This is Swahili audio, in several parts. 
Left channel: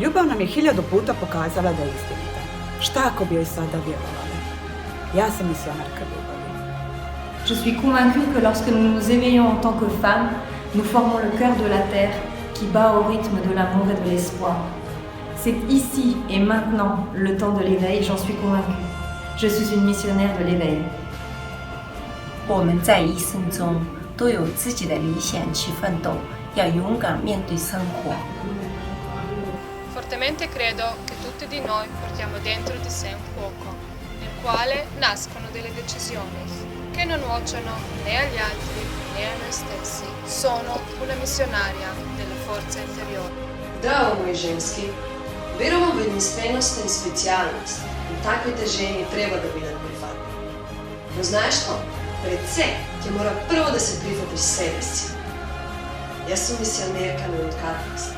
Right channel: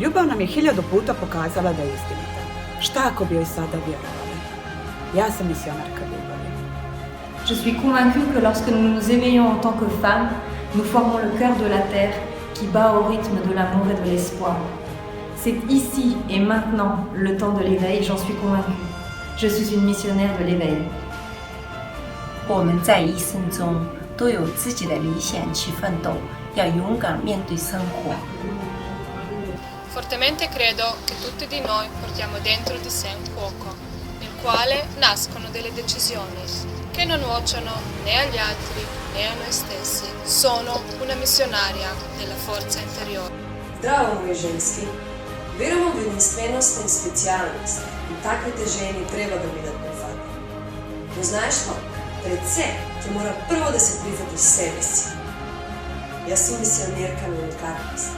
Ljubav nam je 1000 puta pokazala da je istinita. Šta ako bi joj sada vjerovali? Ja sam misionarka ljubavi. Je suis convaincue que lorsque nous nous éveillons en tant que femmes, nous formons le cœur de la terre qui bat au rythme de l'amour et de l'espoir. C'est ici et maintenant le temps de l'éveil, j'en suis convaincue. Je suis une missionnaire de l'éveil. 我们在一生中都有自己的理想去奋斗，要勇敢面对生活。 Fortemente credo che tutti di noi portiamo dentro di sé un fuoco, nel quale nascono delle decisioni che non nuocciono né agli altri né a noi stessi. Sono una missionaria della forza interiore. Zdravo, moji ženski. Verujemo v edinstvenost in specialnost in takve ženi treba da bi prihvatili. No znaš što? Pred vse ti mora prvo da se prihvatiš sebe si. Jaz sem misionerka na unikatnost.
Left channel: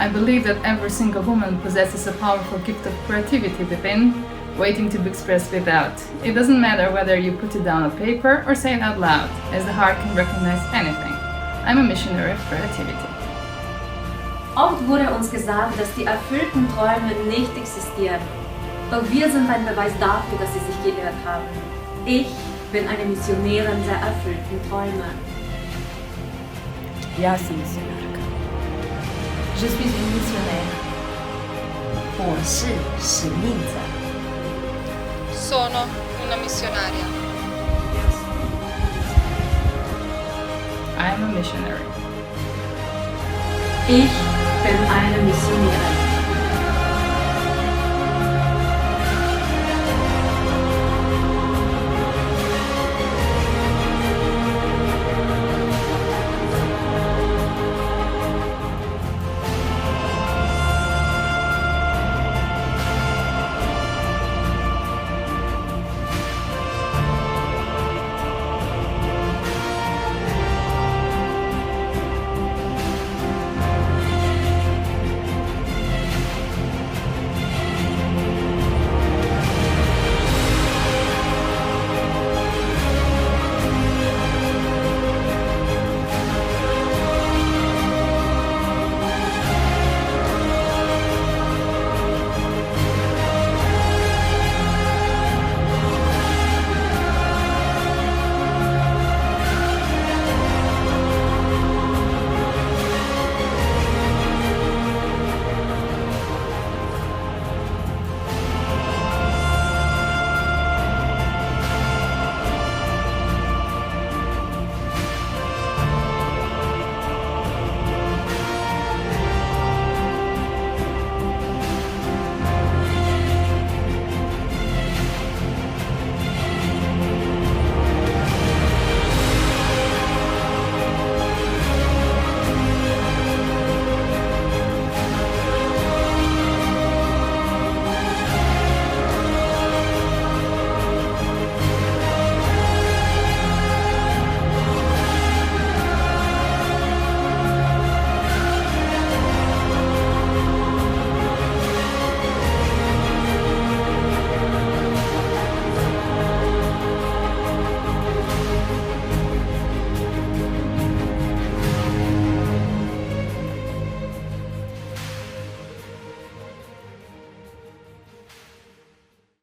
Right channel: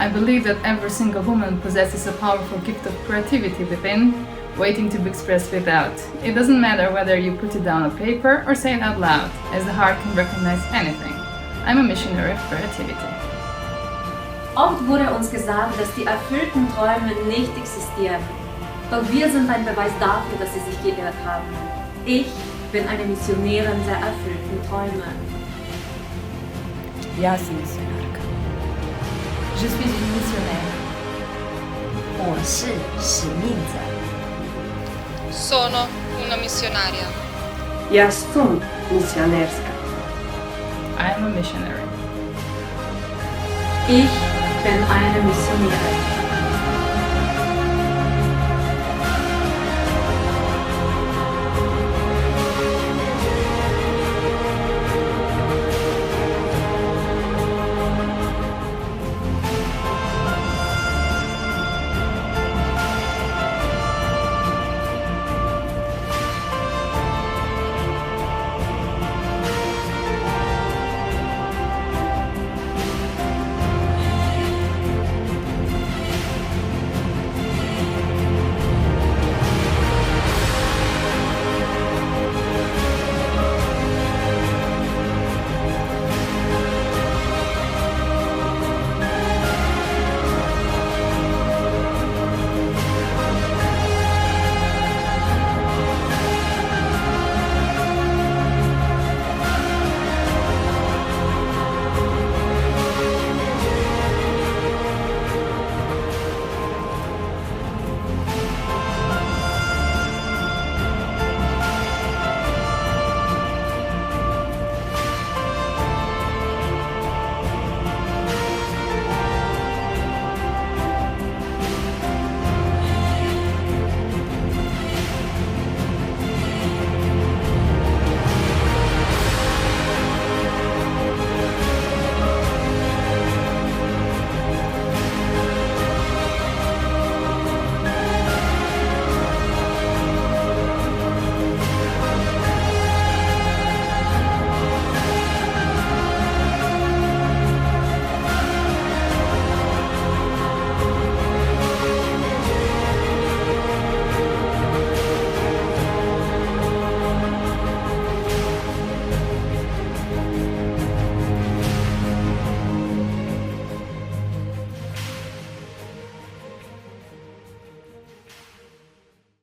I believe that every single woman possesses a powerful gift of creativity within, waiting to be expressed without. It doesn't matter whether you put it down on paper or say it out loud, as the heart can recognize anything. I'm a missionary of creativity. Oft wurde uns gesagt, dass die erfüllten Träume nicht existieren. Doch wir sind ein Beweis dafür, dass sie sich geirrt haben. Ich bin eine Missionärin der erfüllten Träume. Ja sam misionarka. Je suis une missionnaire. 我是使命者。 Sono una missionaria. Ja sam misionerska. I am a missionary. Ich bin eine Missionärin.